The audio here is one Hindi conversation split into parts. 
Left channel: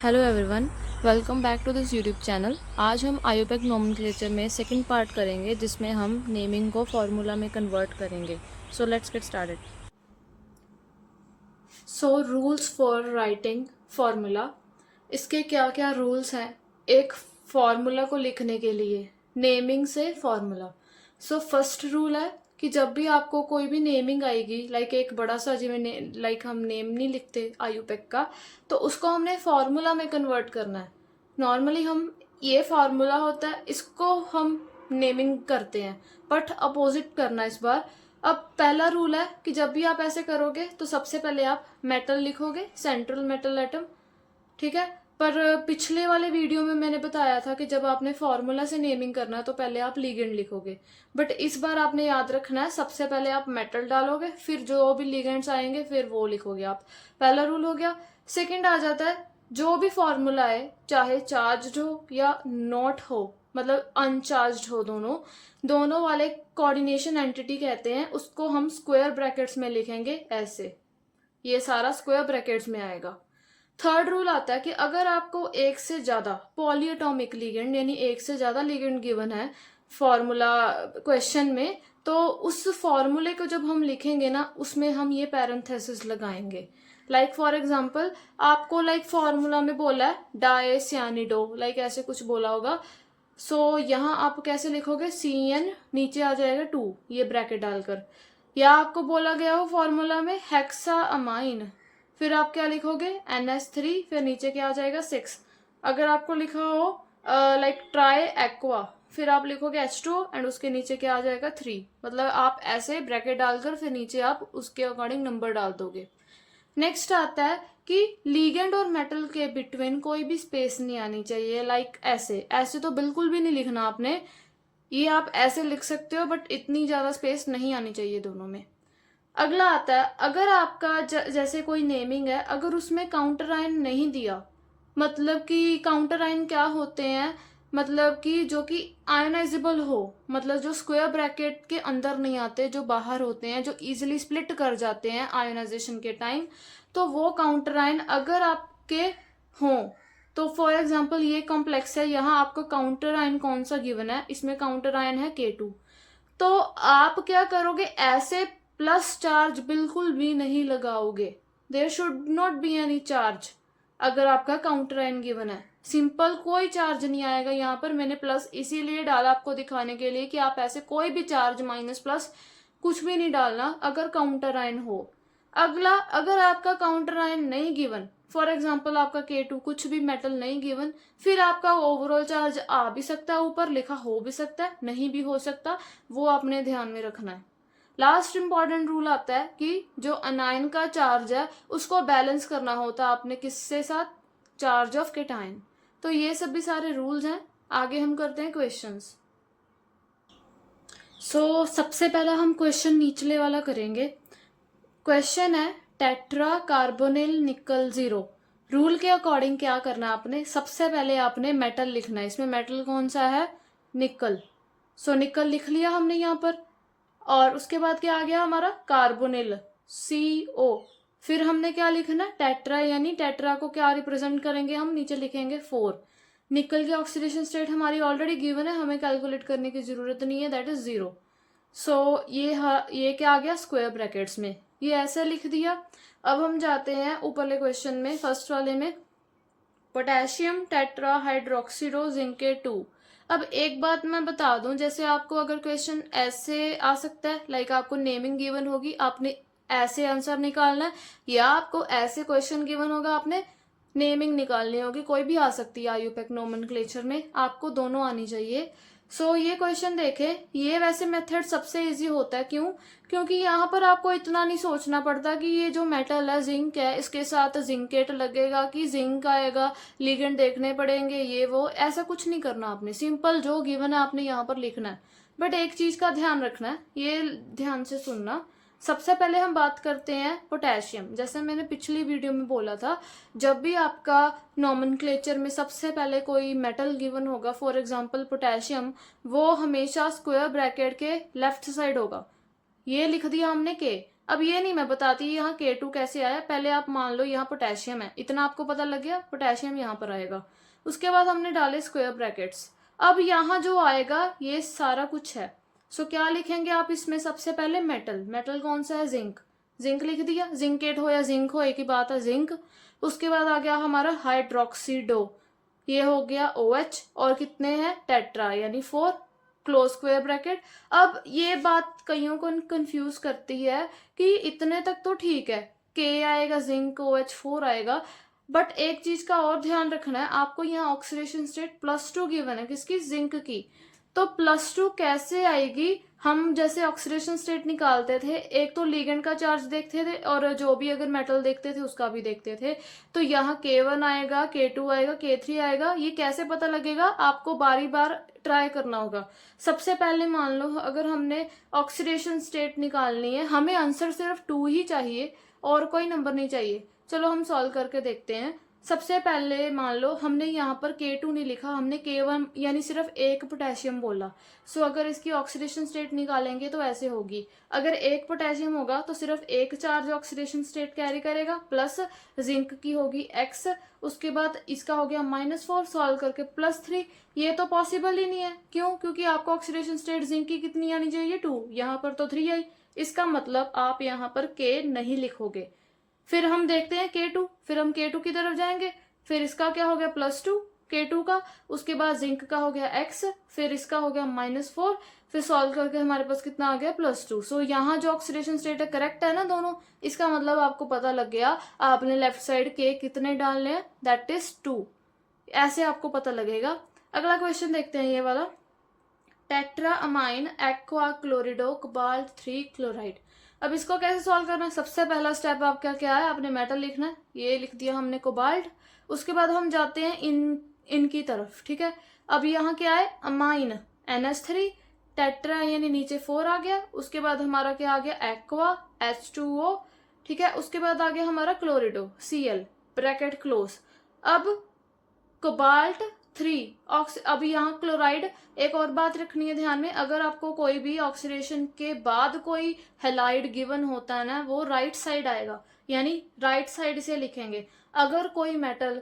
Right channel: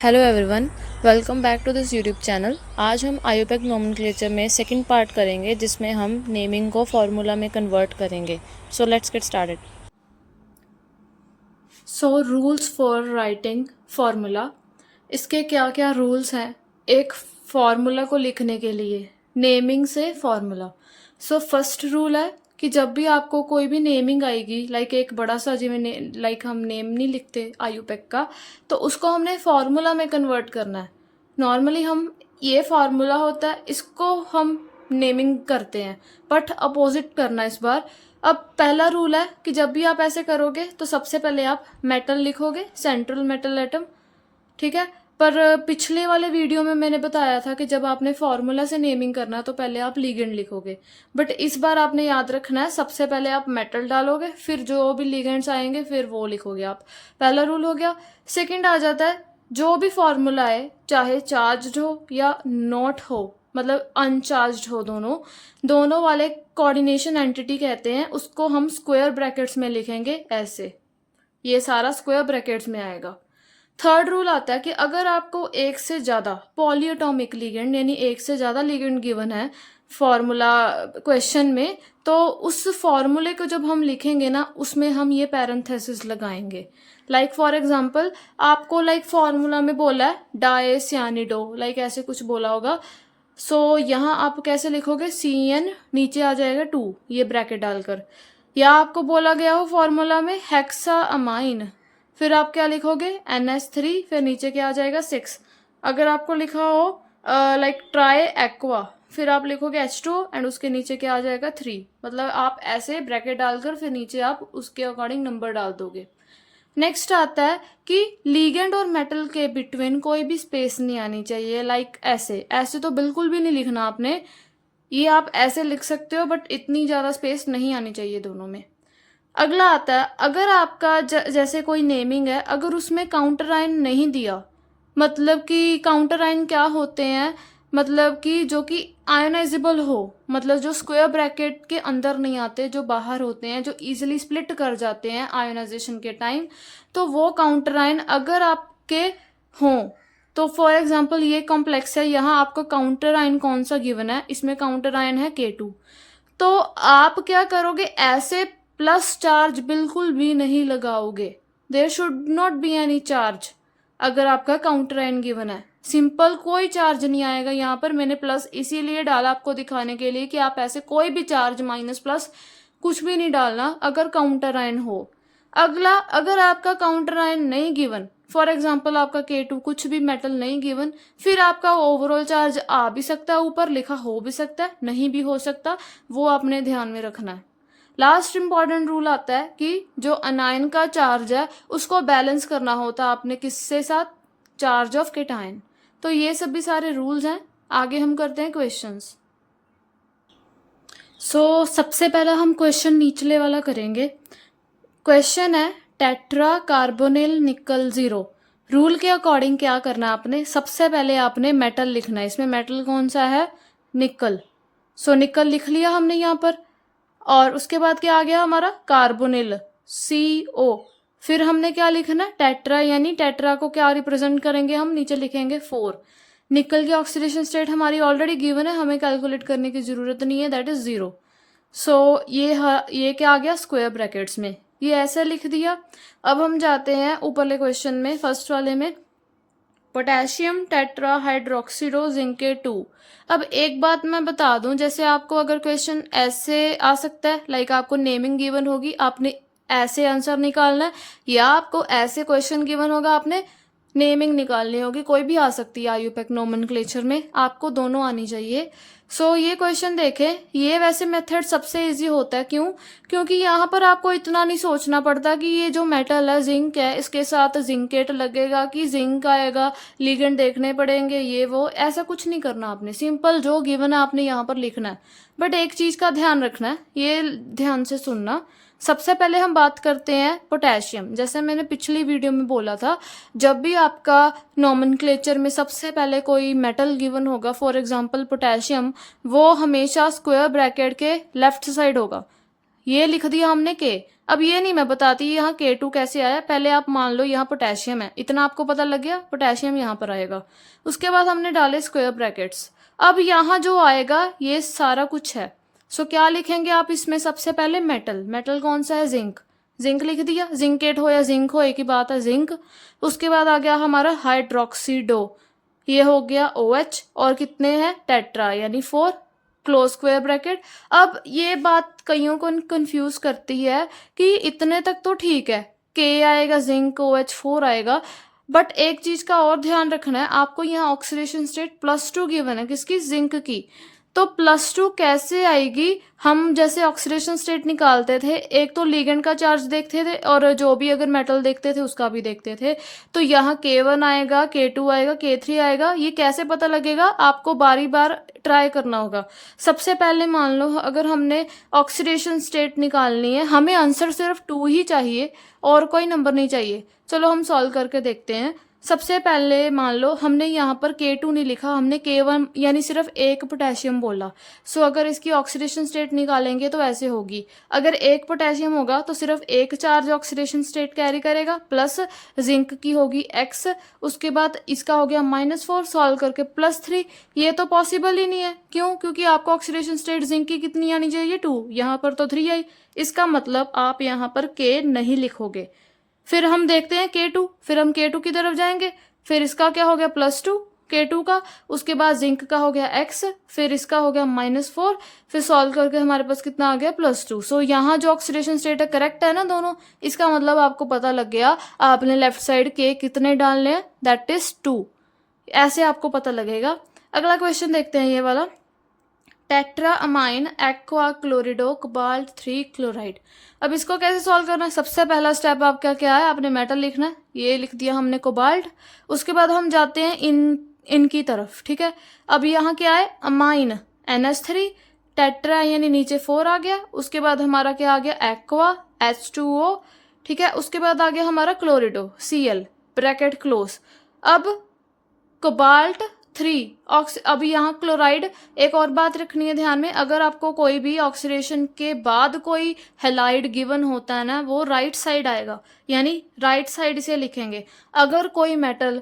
Hello everyone, welcome back to this YouTube channel. आज हम आयोपेक नोमेनक्लेचर में सेकंड पार्ट करेंगे जिसमें हम नेमिंग को फार्मूला में कन्वर्ट करेंगे। So let's get started. So rules for writing formula, इसके क्या क्या रूल्स हैं एक फार्मूला को लिखने के लिए नेमिंग से फार्मूला। सो फर्स्ट रूल है कि जब भी आपको कोई भी नेमिंग आएगी, लाइक एक बड़ा सा जिमें लाइक हम नेम नहीं लिखते आयुपेक का, तो उसको हमने फार्मूला में कन्वर्ट करना है। नॉर्मली हम ये फार्मूला होता है, इसको हम नेमिंग करते हैं, बट अपोजिट करना इस बार। अब पहला रूल है कि जब भी आप ऐसे करोगे तो सबसे पहले आप मेटल लिखोगे, सेंट्रल मेटल एटम, ठीक है। पर पिछले वाले वीडियो में मैंने बताया था कि जब आपने फार्मूला से नेमिंग करना है तो पहले आप लिगेंड लिखोगे, बट इस बार आपने याद रखना है सबसे पहले आप मेटल डालोगे, फिर जो भी लिगेंड्स आएंगे फिर वो लिखोगे आप। पहला रूल हो गया। सेकंड आ जाता है, जो भी फार्मूला है चाहे चार्ज हो या नॉट हो, मतलब अनचार्ज हो, दोनों दोनों वाले कोऑर्डिनेशन एंटिटी कहते हैं उसको, हम स्क्वायर ब्रैकेट्स में लिखेंगे ऐसे, ये सारा स्क्वायर ब्रैकेट्स में आएगा। थर्ड रूल आता है कि अगर आपको एक से ज़्यादा पॉलीएटॉमिक लिगेंड यानी एक से ज़्यादा लिगेंड गिवन है फॉर्मूला क्वेश्चन में, तो उस फॉर्मूले को जब हम लिखेंगे ना उसमें हम ये पैरेंथेसिस लगाएंगे। लाइक फॉर एग्जांपल आपको लाइक फॉर्मूला में बोला है डायसियानिडो, लाइक ऐसे कुछ बोला होगा। सो यहाँ आप कैसे लिखोगे, CN नीचे आ जाएगा 2, ये ब्रैकेट डालकर। या आपको बोला गया हो फॉर्मूला में हेक्सा अमाइन, फिर आप क्या लिखोगे NH3, फिर नीचे क्या आ जाएगा 6। अगर आपको लिखा हो लाइक ट्राई एक्वा, फिर आप लिखोगे H2 एंड उसके नीचे क्या आ जाएगा 3। मतलब आप ऐसे ब्रैकेट डालकर फिर नीचे आप उसके अकॉर्डिंग नंबर डाल दोगे। नेक्स्ट आता है कि लीगेंड और मेटल के बिटवीन कोई भी स्पेस नहीं आनी चाहिए। लाइक ऐसे ऐसे तो बिल्कुल भी नहीं लिखना आपने, ये आप ऐसे लिख सकते हो बट इतनी ज़्यादा स्पेस नहीं आनी चाहिए दोनों में। अगला आता है, अगर आपका जैसे कोई नेमिंग है, अगर उसमें काउंटर आइन नहीं दिया, मतलब कि काउंटर आइन क्या होते हैं, मतलब कि जो कि आयनाइजेबल हो, मतलब जो स्क्वायर ब्रैकेट के अंदर नहीं आते, जो बाहर होते हैं, जो इजीली स्प्लिट कर जाते हैं आयोनाइजेशन के टाइम, तो वो काउंटर आइन अगर आपके हों, तो फॉर एग्जांपल ये कॉम्प्लेक्स है, यहाँ आपको काउंटर आइन कौन सा गिवन है, इसमें काउंटर आइन है K2। तो आप क्या करोगे, ऐसे प्लस चार्ज बिल्कुल भी नहीं लगाओगे, there should not be any charge. अगर आपका काउंटर आयन गिवन है, सिंपल कोई चार्ज नहीं आएगा। यहाँ पर मैंने प्लस इसीलिए डाला आपको दिखाने के लिए कि आप ऐसे कोई भी चार्ज माइनस प्लस कुछ भी नहीं डालना अगर काउंटर आयन हो। अगला, अगर आपका काउंटर आयन नहीं गिवन, फॉर एग्जाम्पल आपका K2 कुछ भी मेटल नहीं गिवन, फिर आपका ओवरऑल चार्ज आ भी सकता है, ऊपर लिखा हो भी सकता है, नहीं भी हो सकता, वो आपने ध्यान में रखना है। लास्ट इंपॉर्टेंट रूल आता है कि जो अनायन का चार्ज है उसको बैलेंस करना होता है आपने किससे साथ, चार्ज ऑफ केटायन। तो ये सब भी सारे रूल्स हैं। आगे हम करते हैं क्वेश्चंस। सो सबसे पहला हम क्वेश्चन निचले वाला करेंगे। क्वेश्चन है टेट्रा कार्बोनिल निकल 0। रूल के अकॉर्डिंग क्या करना है आपने, सबसे पहले आपने मेटल लिखना है। इसमें मेटल कौन सा है, निकल। सो निकल लिख लिया हमने यहाँ पर, और उसके बाद क्या आ गया हमारा, कार्बोनिल CO। फिर हमने क्या लिखना, टेट्रा, यानी टेट्रा को क्या रिप्रेजेंट करेंगे हम, नीचे लिखेंगे 4। निकल की ऑक्सीडेशन स्टेट हमारी ऑलरेडी गिवन है, हमें कैलकुलेट करने की जरूरत नहीं है, दैट इज 0। सो ये क्या आ गया स्क्वायर ब्रैकेट्स में, ये ऐसा लिख दिया। अब हम जाते हैं ऊपरले क्वेश्चन में, फर्स्ट वाले में, पोटेशियम टेट्रा हाइड्रोक्सीडो जिंके 2। अब एक बात मैं बता दूं, जैसे आपको अगर क्वेश्चन ऐसे आ सकता है, लाइक आपको नेमिंग गिवन होगी, आपने ऐसे आंसर निकालना है, या आपको ऐसे क्वेश्चन गिवन होगा, आपने नेमिंग निकालनी होगी, कोई भी आ सकती है आयुपेक नोमेनक्लेचर में, आपको दोनों आनी चाहिए। सो ये क्वेश्चन देखें, ये वैसे मेथड सबसे इजी होता है, क्यों, क्योंकि यहाँ पर आपको इतना नहीं सोचना पड़ता कि ये जो मेटल है जिंक है, इसके साथ जिंकेट लगेगा कि जिंक आएगा, लिगेंड देखने पड़ेंगे, ये वो, ऐसा कुछ नहीं करना आपने, सिंपल जो गिवन है आपने यहाँ पर लिखना है। बट एक चीज का ध्यान रखना है, ये ध्यान से सुनना। सबसे पहले हम बात करते हैं पोटेशियम। जैसे मैंने पिछली वीडियो में बोला था, जब भी आपका नोमेनक्लेचर में सबसे पहले कोई मेटल गिवन होगा, फॉर एग्जांपल पोटेशियम, वो हमेशा स्क्वायर ब्रैकेट के लेफ्ट साइड होगा। ये लिख दिया हमने के, अब ये नहीं मैं बताती यहाँ K2 कैसे आया, पहले आप मान लो यहाँ पोटेशियम है, इतना आपको पता लग गया, पोटेशियम यहाँ पर आएगा। उसके बाद हमने डाले स्क्वायर ब्रैकेट्स। अब यहाँ जो आएगा ये सारा कुछ है। सो क्या लिखेंगे आप इसमें, सबसे पहले मेटल, मेटल कौन सा है, जिंक, जिंक लिख दिया, जिंकेट हो या जिंक हो एक ही बात है, जिंक। उसके बाद आ गया हमारा हाइड्रोक्सीडो, ये हो गया OH, और कितने हैं, टेट्रा यानी 4, क्लोज स्क्वायर ब्रैकेट। अब ये बात कईयों को कंफ्यूज करती है कि इतने तक तो ठीक है, K आएगा, जिंक OH4 आएगा, बट एक चीज का और ध्यान रखना है आपको, यहाँ ऑक्सीडेशन स्टेट +2 गिवन है, किसकी, जिंक की। तो +2 कैसे आएगी, हम जैसे ऑक्सीडेशन स्टेट निकालते थे, एक तो लिगेंड का चार्ज देखते थे और जो भी अगर मेटल देखते थे उसका भी देखते थे। तो यहाँ K1 आएगा, K2 आएगा, K3 आएगा, ये कैसे पता लगेगा, आपको बारी बार ट्राई करना होगा। सबसे पहले मान लो अगर हमने ऑक्सीडेशन स्टेट निकालनी है, हमें आंसर सिर्फ 2 ही चाहिए और कोई नंबर नहीं चाहिए। चलो हम सॉल्व करके देखते हैं। सबसे पहले मान लो हमने यहाँ पर K2 नहीं लिखा, हमने K1 यानी सिर्फ एक पोटेशियम बोला। सो अगर इसकी ऑक्सीडेशन स्टेट निकालेंगे तो ऐसे होगी, अगर एक पोटेशियम होगा तो सिर्फ एक चार्ज ऑक्सीडेशन स्टेट कैरी करेगा, प्लस जिंक की होगी X, उसके बाद इसका हो गया -4, सॉल्व करके +3। ये तो पॉसिबल ही नहीं है, क्यों, क्योंकि आपको ऑक्सीडेशन स्टेट जिंक की कितनी आनी चाहिए, 2, यहाँ पर तो 3 आई। इसका मतलब आप यहाँ पर K नहीं लिखोगे। फिर हम देखते हैं K2, फिर हम K2 की तरफ जाएंगे, फिर इसका क्या हो गया +2 K2 का, उसके बाद जिंक का हो गया X, फिर इसका हो गया -4, फिर सॉल्व करके हमारे पास कितना आ गया +2। सो यहाँ जो ऑक्सीडेशन स्टेट है करेक्ट है ना दोनों, इसका मतलब आपको पता लग गया, आपने लेफ्ट साइड K कितने डालने हैं, दैट इज 2, ऐसे आपको पता लगेगा। अगला क्वेश्चन देखते हैं ये वाला, tetra amine aqua chlorido cobalt 3 chloride. अब इसको कैसे सॉल्व करना है, सबसे पहला स्टेप आपका क्या है, आपने मेटल लिखना है, ये लिख दिया हमने कोबाल्ट। उसके बाद हम जाते हैं इनकी तरफ, ठीक है। अब यहाँ क्या है, अमाइन NH3, टेट्रा यानी नीचे 4 आ गया, उसके बाद हमारा क्या आ गया, एक्वा H2O, ठीक है। उसके बाद आ गया हमारा क्लोरिडो Cl, ब्रैकेट क्लोज। अब कोबाल्ट 3 अभी यहाँ क्लोराइड, एक और बात रखनी है ध्यान में, अगर आपको कोई भी ऑक्सीडेशन के बाद कोई हेलाइड गिवन होता है ना, वो राइट साइड आएगा, यानी राइट साइड से लिखेंगे। अगर कोई मेटल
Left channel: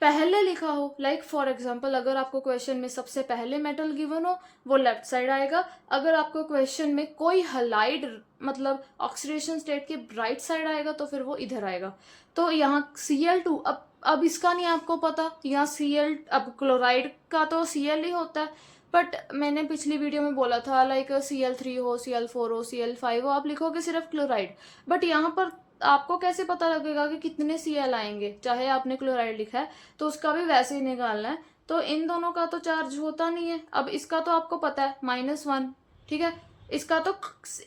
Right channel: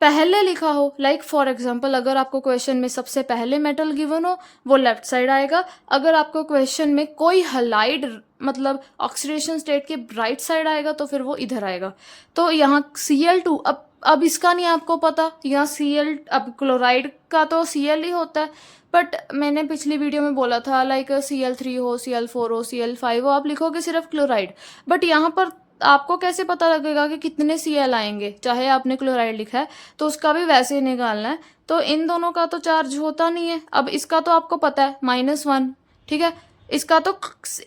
पहले लिखा हो, लाइक फॉर एग्जांपल अगर आपको क्वेश्चन में सबसे पहले मेटल गिवन हो, वो लेफ्ट साइड आएगा। अगर आपको क्वेश्चन में कोई हेलाइड मतलब ऑक्सीडेशन स्टेट के राइट साइड आएगा तो फिर वो इधर आएगा। तो यहाँ Cl2, अब इसका नहीं आपको पता, यहाँ Cl, अब क्लोराइड का तो Cl ही होता है, बट मैंने पिछली वीडियो में बोला था लाइक Cl3 हो, Cl4 हो, Cl5 हो, आप लिखोगे सिर्फ क्लोराइड, बट यहाँ पर आपको कैसे पता लगेगा कि कितने Cl आएंगे, चाहे आपने क्लोराइड लिखा है तो उसका भी वैसे ही निकालना है। तो इन दोनों का तो चार्ज होता नहीं है। अब इसका तो आपको पता है -1, ठीक है, इसका तो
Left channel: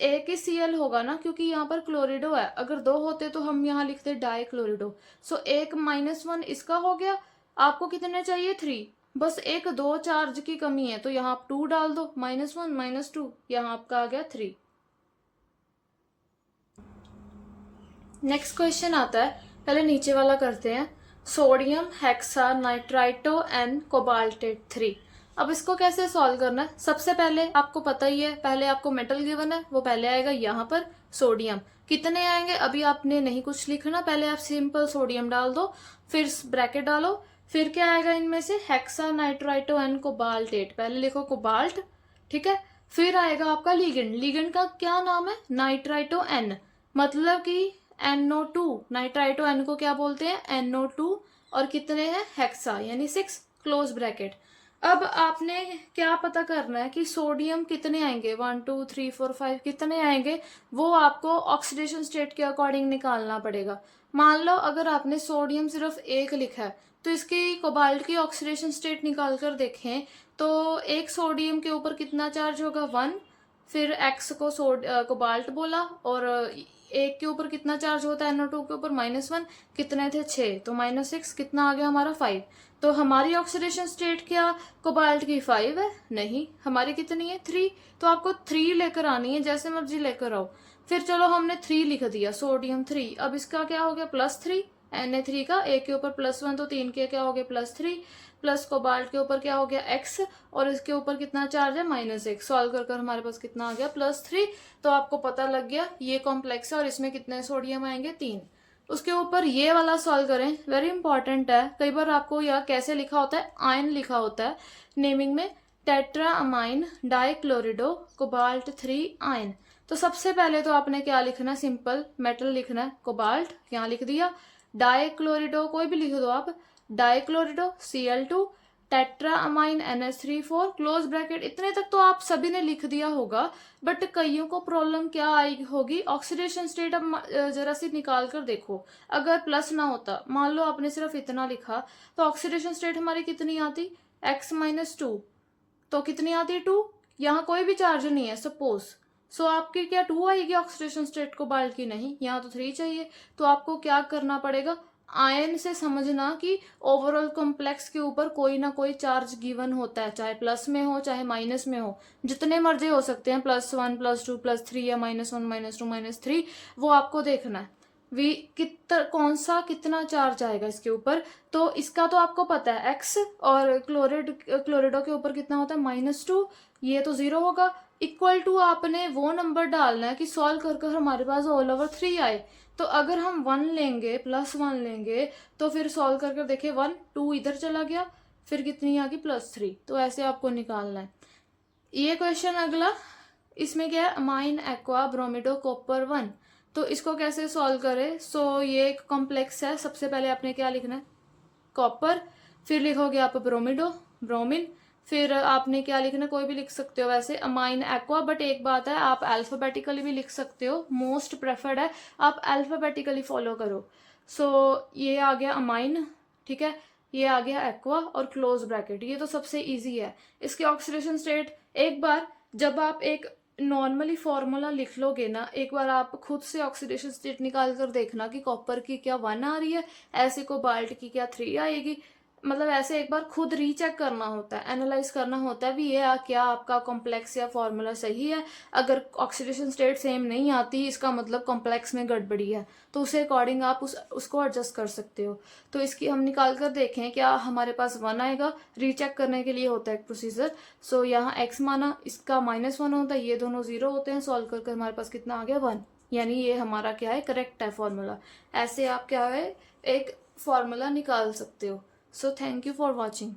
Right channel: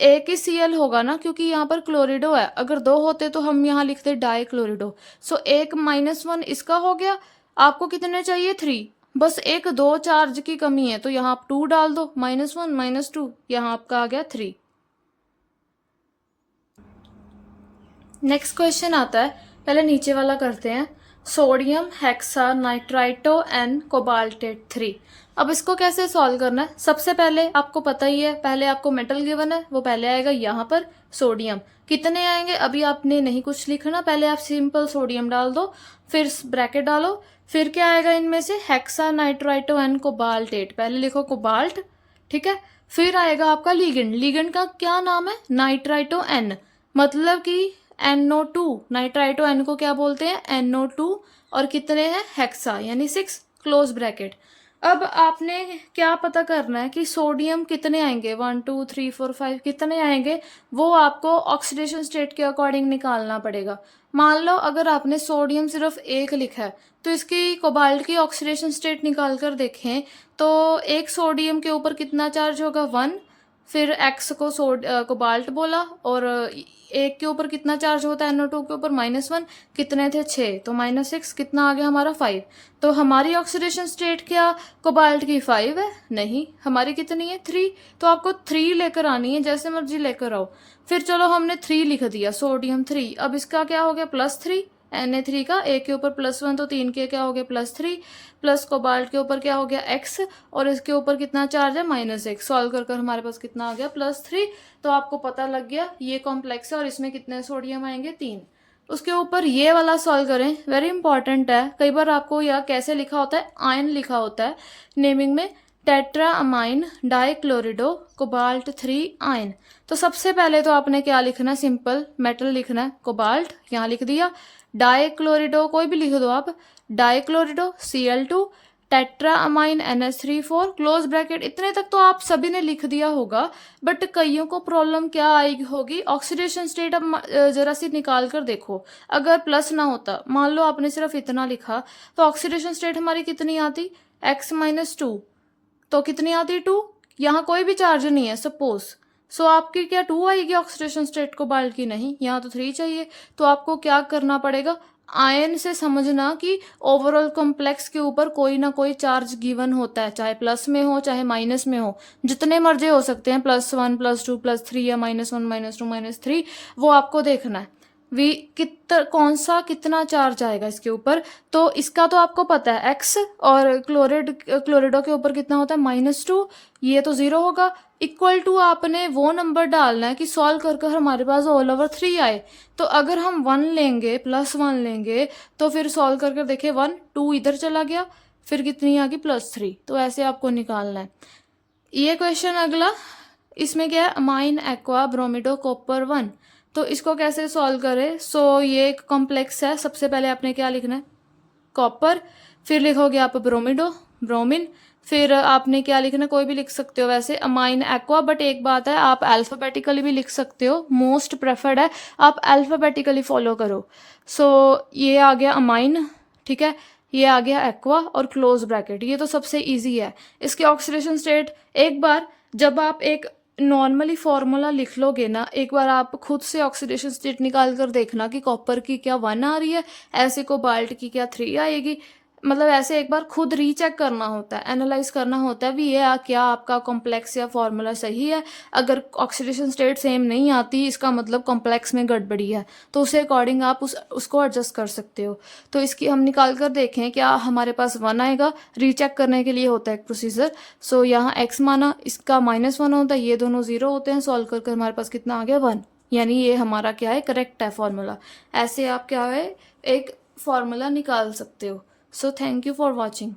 एक ही Cl होगा ना, क्योंकि यहाँ पर क्लोरिडो है, अगर 2 होते तो हम यहाँ लिखते डाई क्लोरिडो। सो एक -1 इसका हो गया, आपको कितने चाहिए, 3, बस एक 2 चार्ज की कमी है तो यहाँ आप 2 डाल दो, -1 -2, यहाँ आपका आ गया 3। नेक्स्ट क्वेश्चन आता है, पहले नीचे वाला करते हैं, sodium hexa nitrito N cobaltate 3। अब इसको कैसे सॉल्व करना है, सबसे पहले आपको पता ही है, पहले आपको मेटल गिवन है, वो पहले आएगा यहाँ पर सोडियम, कितने आएंगे अभी आपने नहीं कुछ लिखना, पहले आप सिंपल सोडियम डाल दो, फिर ब्रैकेट डालो, फिर क्या आएगा इनमें से, हेक्सा नाइट्राइटो एन कोबाल्टेट, पहले लिखो कोबाल्ट, ठीक है। फिर आएगा आपका लिगेंड, लिगेंड का क्या नाम है, नाइट्राइटो एन, मतलब कि NO2, नाइट्राइटो एन को क्या बोलते हैं, NO2, और कितने हैं, हेक्सा यानी 6, क्लोज ब्रैकेट। अब आपने क्या पता करना है कि सोडियम कितने आएंगे, 1 2 3 4 5 कितने आएंगे, वो आपको ऑक्सीडेशन स्टेट के अकॉर्डिंग निकालना पड़ेगा। मान लो अगर आपने सोडियम सिर्फ 1 लिखा है तो इसकी कोबाल्ट की ऑक्सीडेशन स्टेट निकाल कर देखें तो एक सोडियम के ऊपर कितना चार्ज होगा, 1, फिर X को कोबाल्ट बोला, और एक के ऊपर कितना चार्ज होता है, NO2 के ऊपर -1, कितने थे 6, तो -6, कितना आ गया हमारा 5। तो हमारी ऑक्सीडेशन स्टेट क्या कोबाल्ट की 5 है, नहीं, हमारी कितनी है 3, तो आपको 3 लेकर आनी है, जैसे मर्जी लेकर आओ। फिर चलो हमने 3 लिख दिया, सोडियम 3, अब इसका क्या हो गया +3, Na3 का, ए के ऊपर +1 तो 3 के क्या हो गया +3, प्लस कोबाल्ट के ऊपर क्या हो गया x, और इसके ऊपर कितना चार्ज है -1। सॉल्व कर कर हमारे पास कितना आ गया +3। तो आपको पता लग गया ये कॉम्प्लेक्स है और इसमें कितने सोडियम आएंगे 3। उसके ऊपर ये वाला सॉल्व करें, वेरी इंपॉर्टेंट है। कई बार आपको यह कैसे लिखा होता है, आयन लिखा होता है नेमिंग में, टेट्रा अमाइन डाइक्लोरिडो कोबाल्ट 3 आयन। तो सबसे पहले तो आपने क्या लिखना है, सिंपल मेटल लिखना है, कोबाल्ट यहाँ लिख दिया, डाइक्लोरिडो कोई भी लिख दो आप, डाइक्लोरिडो Cl2, tetra amine NH3 4 close bracket. इतने तक तो आप सभी ने लिख दिया होगा, बट कईयों को प्रॉब्लम क्या आई होगी, ऑक्सीडेशन स्टेट। अब जरा सी निकाल कर देखो, अगर प्लस ना होता, मान लो आपने सिर्फ इतना लिखा, तो ऑक्सीडेशन स्टेट हमारी कितनी आती, x-2, तो कितनी आती 2। यहाँ कोई भी चार्ज नहीं है सपोज, सो आपकी क्या 2 आएगी ऑक्सीडेशन स्टेट कोबाल्ट की, नहीं, यहाँ तो 3 चाहिए। तो आपको क्या करना पड़ेगा, आयन से समझना कि ओवरऑल कॉम्प्लेक्स के ऊपर कोई ना कोई चार्ज गिवन होता है, चाहे प्लस में हो चाहे माइनस में हो, जितने मर्जी हो सकते हैं, +1 +2 +3 या -1 -2 -3, वो आपको देखना है वी कौन सा कितना चार्ज आएगा इसके ऊपर। तो इसका तो आपको पता है x, और क्लोरिडो के ऊपर कितना होता है -2, ये तो 0 होगा। इक्वल टू आपने वो नंबर डालना है कि सॉल्व कर कर हमारे पास ऑल ओवर 3 आए। तो अगर हम 1 लेंगे +1 लेंगे, तो फिर सॉल्व कर कर देखे 1 2 इधर चला गया, फिर कितनी आ गई +3। तो ऐसे आपको निकालना है। ये क्वेश्चन अगला, इसमें क्या है, अमाइन एक्वा ब्रोमिडो कॉपर 1। तो इसको कैसे सॉल्व करें, सो ये एक कॉम्प्लेक्स है। सबसे पहले आपने क्या लिखना है, कॉपर, फिर लिखोगे आप ब्रोमिडो ब्रोमिन, फिर आपने क्या लिखना, कोई भी लिख सकते हो वैसे, अमाइन एक्वा, बट एक बात है आप अल्फाबेटिकली भी लिख सकते हो, मोस्ट प्रेफर्ड है आप अल्फाबेटिकली फॉलो करो। सो ये आ गया अमाइन, ठीक है, ये आ गया एक्वा और क्लोज ब्रैकेट, ये तो सबसे इजी है। इसके ऑक्सीडेशन स्टेट, एक बार जब आप एक नॉर्मली फॉर्मूला लिख लोगे ना, एक बार आप खुद से ऑक्सीडेशन स्टेट निकाल कर देखना कि कॉपर की क्या 1 आ रही है, ऐसे कोबाल्ट की क्या 3 आएगी। मतलब ऐसे एक बार खुद रीचेक करना होता है, एनालाइज करना होता है भी ये क्या आपका कॉम्प्लेक्स या फॉर्मूला सही है। अगर ऑक्सीडेशन स्टेट सेम नहीं आती, इसका मतलब कॉम्प्लेक्स में गड़बड़ी है, तो उसे अकॉर्डिंग आप उसको एडजस्ट कर सकते हो। तो इसकी हम निकाल कर देखें, क्या हमारे पास 1 आएगा, रीचेक करने के लिए होता है एक प्रोसीजर। सो यहाँ x माना, इसका -1 होता है, ये दोनों 0 होते हैं, सॉल्व कर हमारे पास कितना आ गया 1, यानी ये हमारा क्या है, करेक्ट है फॉर्मूला। ऐसे आप क्या है एक फॉर्मूला निकाल सकते हो। So thank you for watching.